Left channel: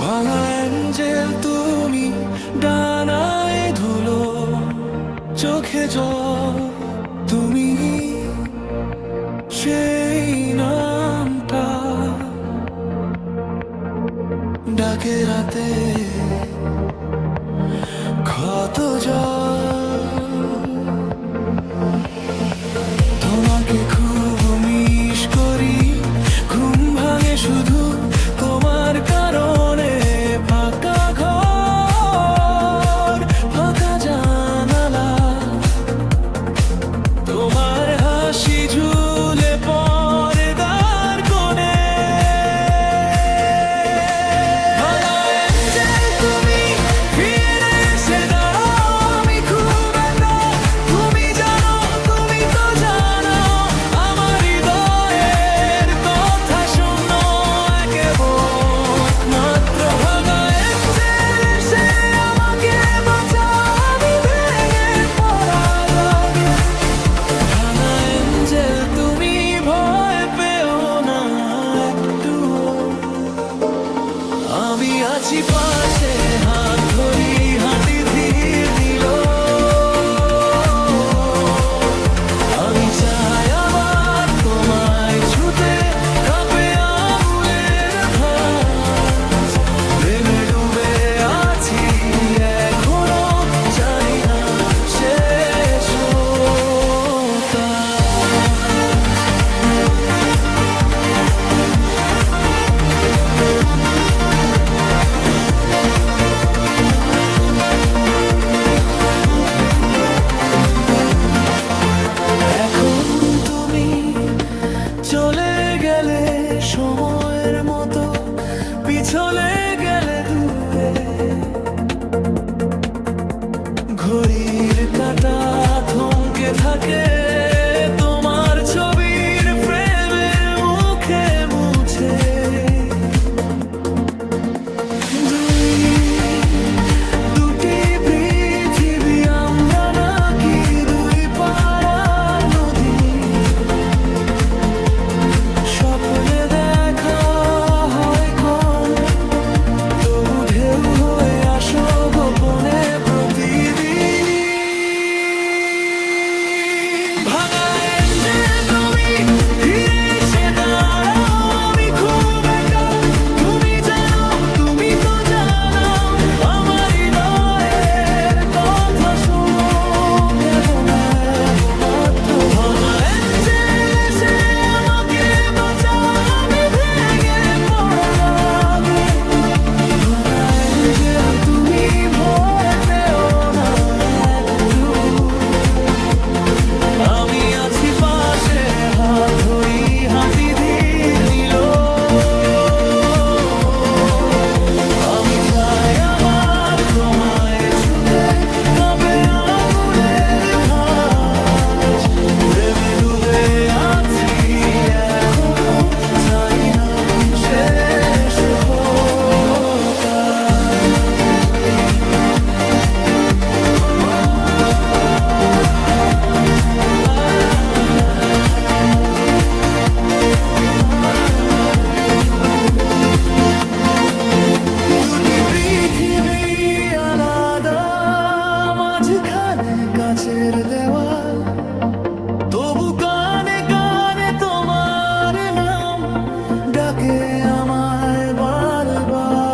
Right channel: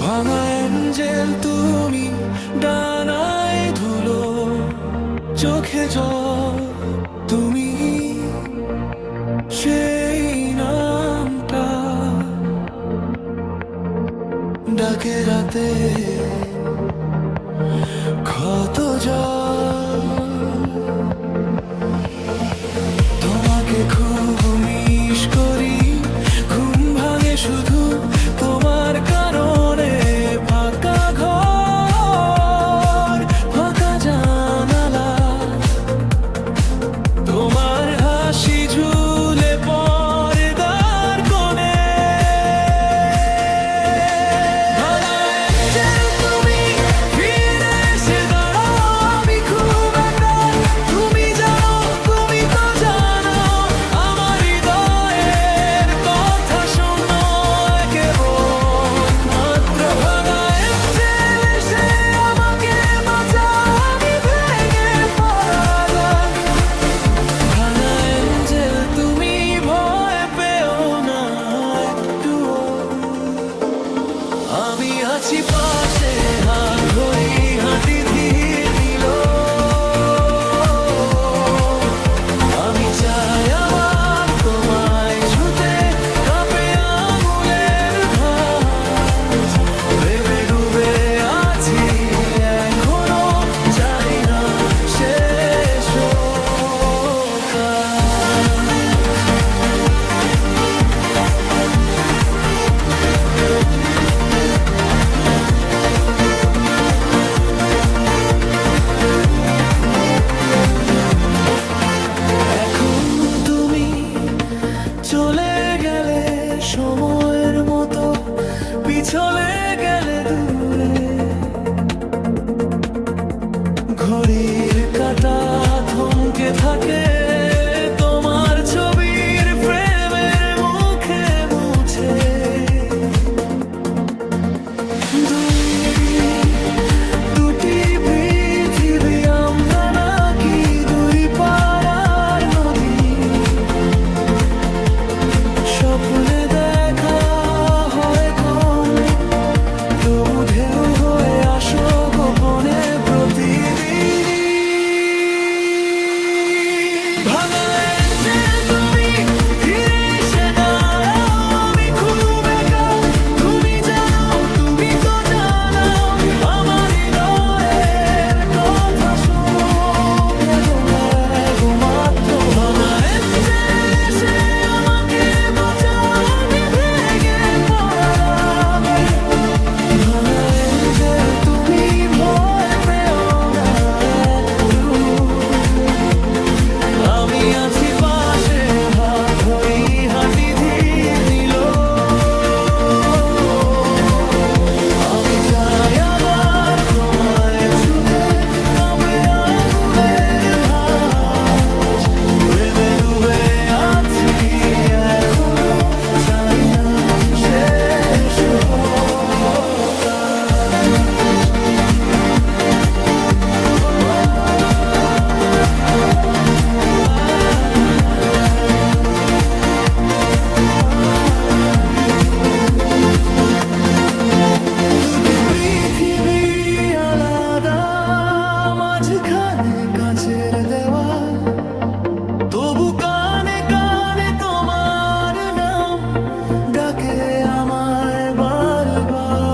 ভাঙা অ্যাঞ্জেল তুমি, ডানায় ধুলো, চোখে জল, তুমি সেই নামটা ডাকে রাতে ক্ষত জল। তোমাকে খুব মিস করি, ঘুম ভাঙে শুধু তোমার কারণে। ফাঁকা ঘর, ফাঁকা জানালা, তোমার হাসি ঝুলে পর্দার কোণে। ভাঙা অ্যাঞ্জেল তুমি, ফিরে এসে দাঁড়াও, আমি খুব একা। তুমি জানো, তুমি তো জানো, আমার হৃদয়ের কথা শোনো কেবল মাত্র। ভাঙা অ্যাঞ্জেল এসে আমাকে বাঁচাও, আমি ভেঙে পড়া লাগে। ভাঙা অ্যাঞ্জেল তুমি, ভয় পেও না একটুও, আমি আছি পাশে, হাত ধরি হাঁটি ধীর নিল। আমি চাই আবার তোমায় ছুতে, কাঁপে আঙুলের ভাঁজ। প্রেমে ডুবে আছি এখনো, জানি না শেষ কাজ। এখন তুমি চলে গেলে সময়ের মতো, পিছলে গেলে দূরে। ঘড়ির কাঁটা থমকে থাকে তোমার ছবির ফ্রেমের মুখে মুছে। দুটি পৃথিবী, আমরা নাকি দুই পাড়ার নদী। স্বপ্নে দেখা হয় কম, তবু ঢেউ হয়ে আসো গোপনে প্রতিদিনই। ভাঙা অ্যাঞ্জেল তুমি, ফিরে এসে দাঁড়াও, আমি খুব একা। তুমি জানো, তুমি তো জানো, আমার হৃদয়ের কথা শোনো কেবল একমাত্র। ভাঙা অ্যাঞ্জেল এসে আমাকে বাঁচাও, আমি ভেঙে পড়া লাগে। ভাঙা অ্যাঞ্জেল তুমি, ভয় পেও না একটু, আমি আছি পাশে, হাত ধরি হাঁটি ধীর নিল। আমি চাই আবার তোমায় ছুতে, কাঁপে আঙুলের ভাঁজ। প্রেমে ডুবে আছি এখনো, চাই না শেষ হোক কাজ। দুটি পৃথিবী আলাদা, মাঝখানে কাচের দেওয়াল, তবু কানে কানে তোমার নাম ডাকে আমায় বারবার।